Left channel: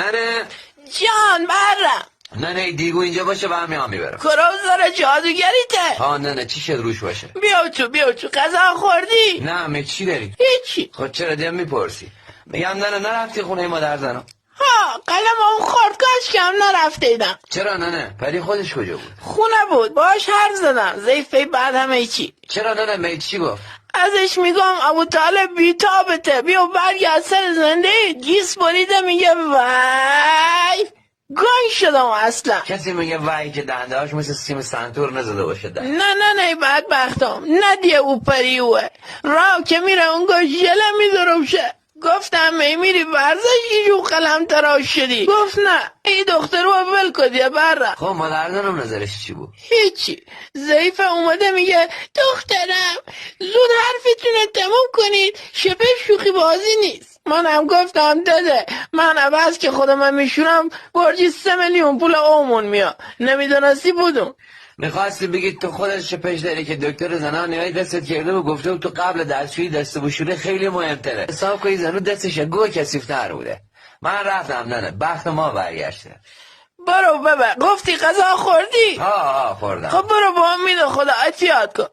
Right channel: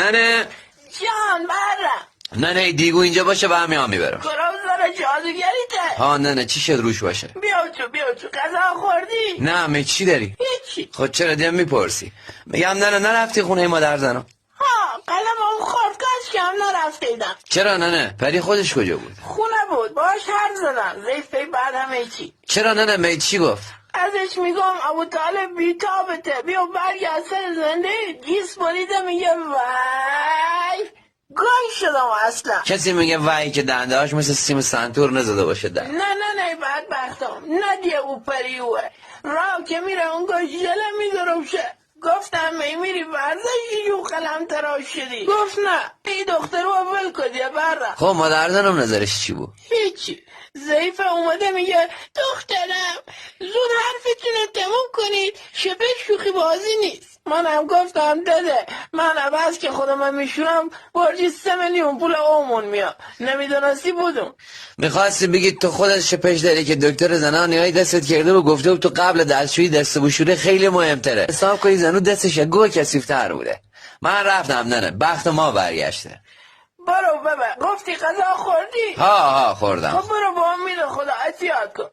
ننه جان برم. ننه دیگو اینجا باشه و همیان میبرم. کروزار جادوگریته. ها ننه چی شد روش باشه؟ بیا تو غذا خوردی؟ نه می چی داری؟ هیچی. خود چرا دیم میپرسی؟ میگم ننه نرفتی خونه مادر زنم؟ ها قلمم خورد کاش کم نرفتیدم. چرا ننه؟ پری خودش کجا بود؟ خونه بود باش حرف زدم زیفه بعد همه چی. چرا ننه می چی گفت؟ ازش میگم ابو طالب بیتابته بیا برگرد سر زنده گیس بریده میگه وای گنگ شدم اصلا. کسی میگه وای که دنده هاش مثل سیم سنتور نزده باشه در. نه بدبختم ندیه او پریوه راه که میره اونگاه ژله میدروشه. گفتم میری ورزشی جو قلم تراش شدی. گفت نه ای دختر رو ول کدیه برم. خب مادر زنم نظرش چی بود؟ هیچی. ضعیف اومده میگه دخترم زود حرفتون رو تموم کنید شبه شوخی بازی نیست. منم گفتم داده من عوض که خودم میشونم برجی 3 میلیون پول اومون میاد نمیدونستی بودم. میخواستی بگید تو خودت شپش داری که دکتر زنان نهایی دستت کرده و گفته بود تو قبل دستشویی دست بشوره خیلی مهمتره. حساب کنی زنو دستش گوه کثیف‌تر بوده. من رفتم ننه بخت ما برگشته. برو بابا گفتی غذا خوردی؟ ها خوردم. خب برو با امید خدا احتیاط کن.